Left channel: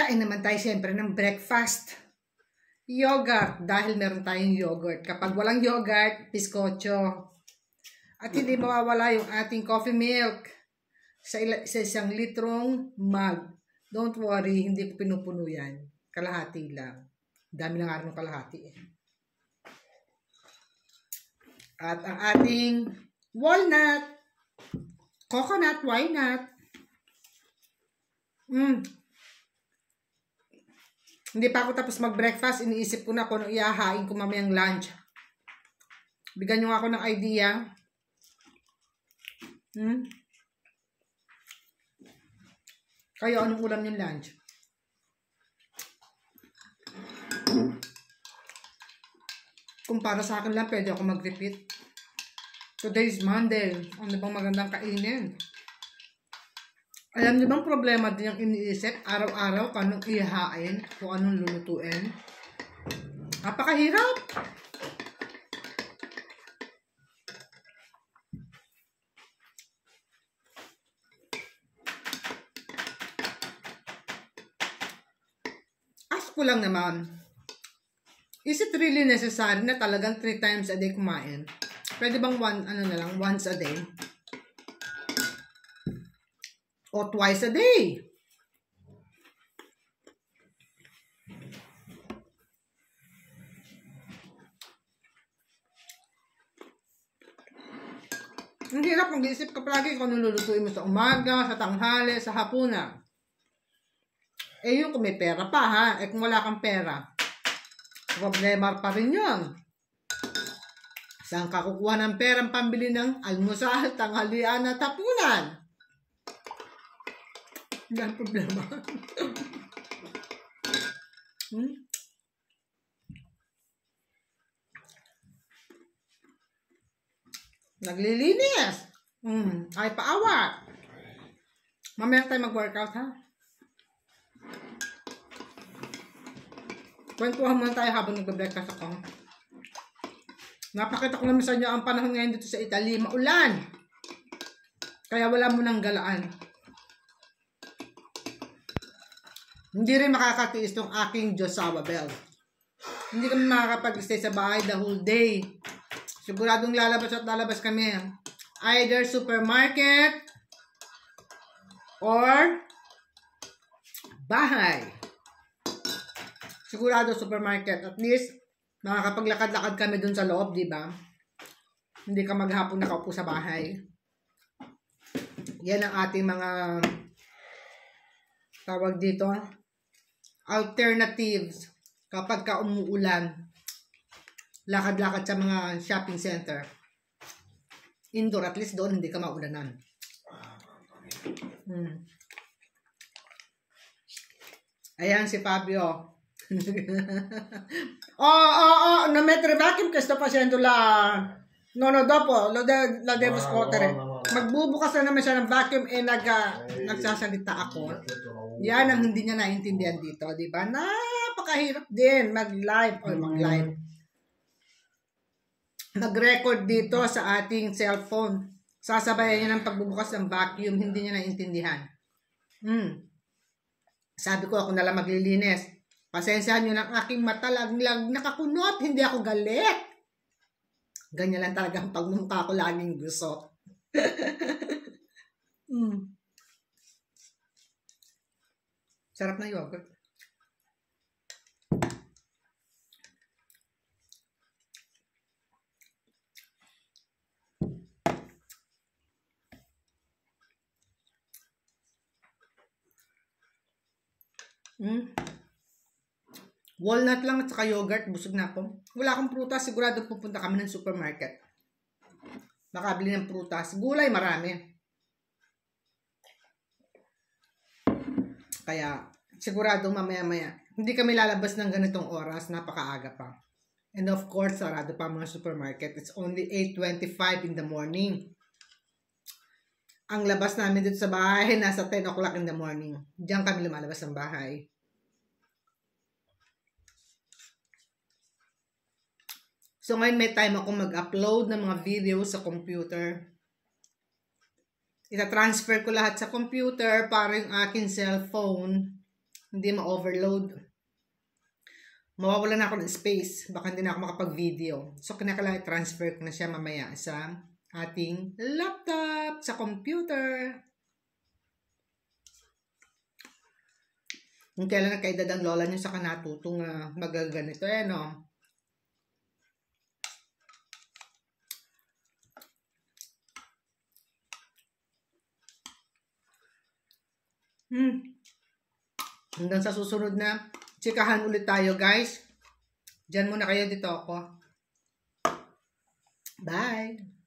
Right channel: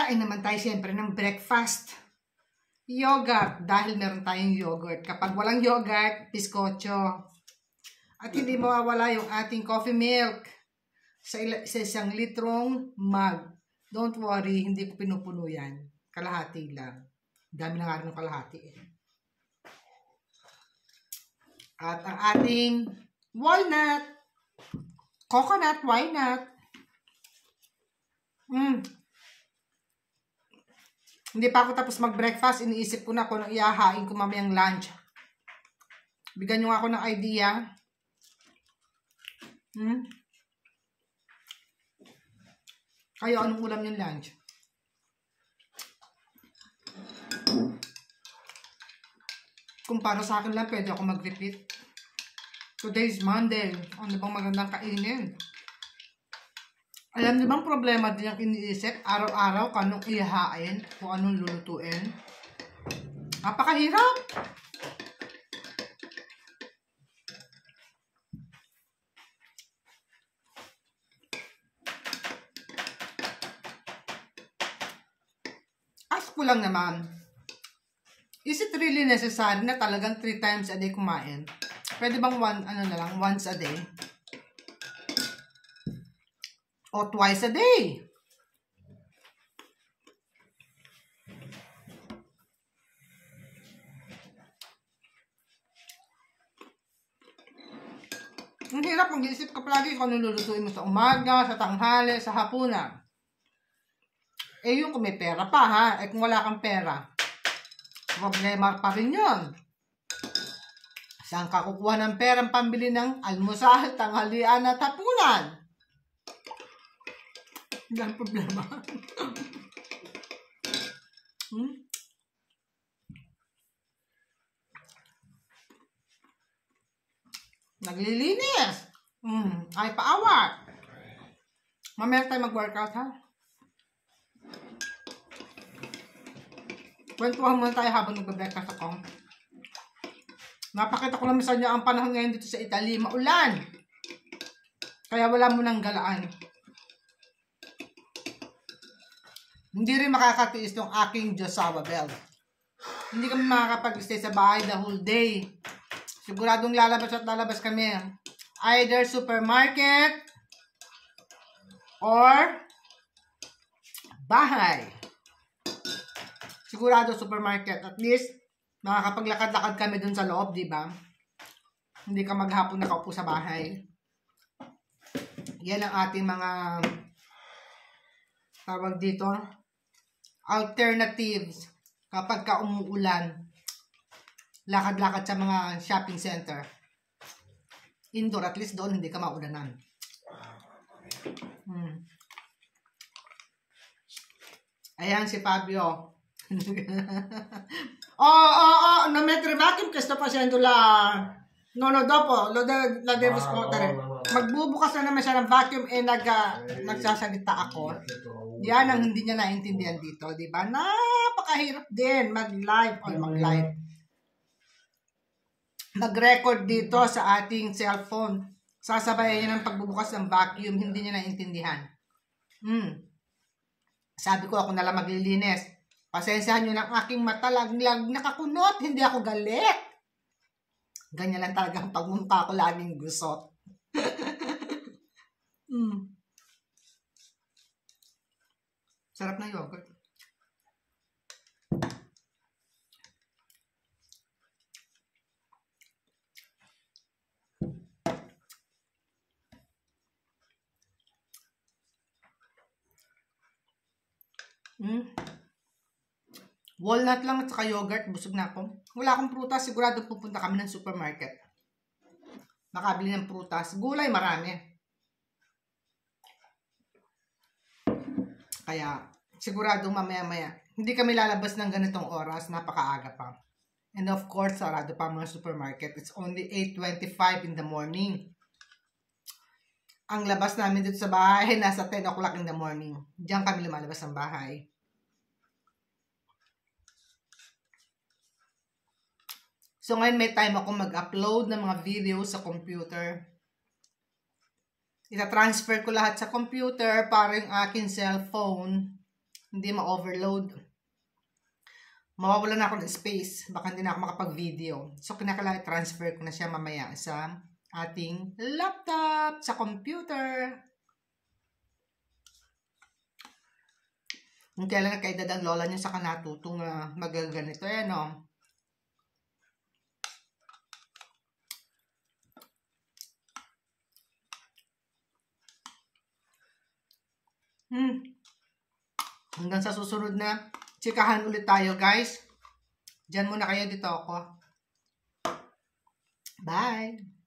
Kain naman tayo siyempre ng breakfast. Yogurt, dahil meron tayong yogurt. Kapag walang yogurt, biskotso. At hindi mawawala yung ating coffee milk sa isang litrong mug. Don't worry, hindi ko pinupuno yan. Kalahati lang. Dami lang nga ng kalahati eh. At ang ating walnut, coconut, why not? Hindi pa ako tapos mag-breakfast. Iniisip ko na kung anong ihahain ko mamayang lunch. Bigyan nyo nga ako ng idea. Kayo, anong ulam yung lunch? Kung para sa akin lang, pwede ako mag-repeat. Today is Monday. Ano bang magandang kainin? Alam niyo bang problema din yung iniisip? Araw-araw kung anong ihahain, kung anong lulutuin. Napakahirap! Ask ko lang naman, is it really necessary na talagang 3 times a day kumain? Pwede bang once a day? O twice a day? Ang hirap, mag-iisip ka palagi kung anong lulutuin mo sa umaga, sa tanghali, sa hapunan. Eh yung kung may pera pa ha, eh kung wala kang pera, problema pa rin yun. Saan ka kukuha ng perang pambili ng almusal, tanghalian at hapunan? Hindi ang problema. Naglilinis. Ay paawat. Mamaya tayo mag-workout ha. Kwentuhan muna tayo habang nagbe-breakfast ako. Napakita ko naman sa inyo ang panahon ngayon dito sa Italy. Maulan. Kaya wala mo nang galaan. Hindi rin makakatiis ng aking Josawa Bell. Hindi kami makakapag-stay sa bahay the whole day. Siguradong lalabas at lalabas kami. Either supermarket or bahay. Sigurado supermarket. At least, makakapaglakad-lakad kami dun sa loob, di ba? Hindi ka maghapon nakaupo sa bahay. Yan ang ating mga tawag dito, alternatives kapag ka umuulan. Lakad-lakad sa mga shopping center. Indoor, at least doon hindi ka maulanan. Ayan si Fabio. Non mettere vacuum che sto facendo no dopo lo devo scuotere. Magbubukas na naman siya ng vacuum nagsasalita ako. Yan ang hindi niya naintindihan dito, di ba? Napakahirap din mag-live. Mag-record dito sa ating cellphone. Sasabayan niya ng pagbubukas ng vacuum, hindi niya naintindihan. Sabi ko, ako nalang maglilinis. Pasensyahan nyo ng aking mata, laglag nakakunot, hindi ako galit. Ganyan lang talaga ang pagmumukha ko, laging gusot. Sarap na yogurt. Walnut lang at saka yogurt, busog na ako. Wala akong prutas, sigurado pupunta kami ng supermarket. Makabili ng prutas. Gulay marami. Kaya, sigurado mamaya-maya. Hindi kami lalabas ng ganitong oras, napakaaga pa. And of course, sarado pa mga supermarket. It's only 8:25 in the morning. Ang labas namin dito sa bahay, nasa 10 o'clock in the morning. Diyan kami lumalabas ng bahay. So ngayon may time ako mag-upload ng mga videos sa computer. Ita-transfer ko lahat sa computer para yung aking cellphone hindi ma-overload. Mawawala na ako ng space. Baka hindi na ako makapag-video. So, kinakailangan transfer ko na siya mamaya sa ating laptop, sa computer. Kung kailan nagkaedad ang lola niyo sa kanatutong magaganito. No? Hanggang sa susunod na tsikahan ulit tayo, guys. Diyan muna kayo, dito ako. Bye!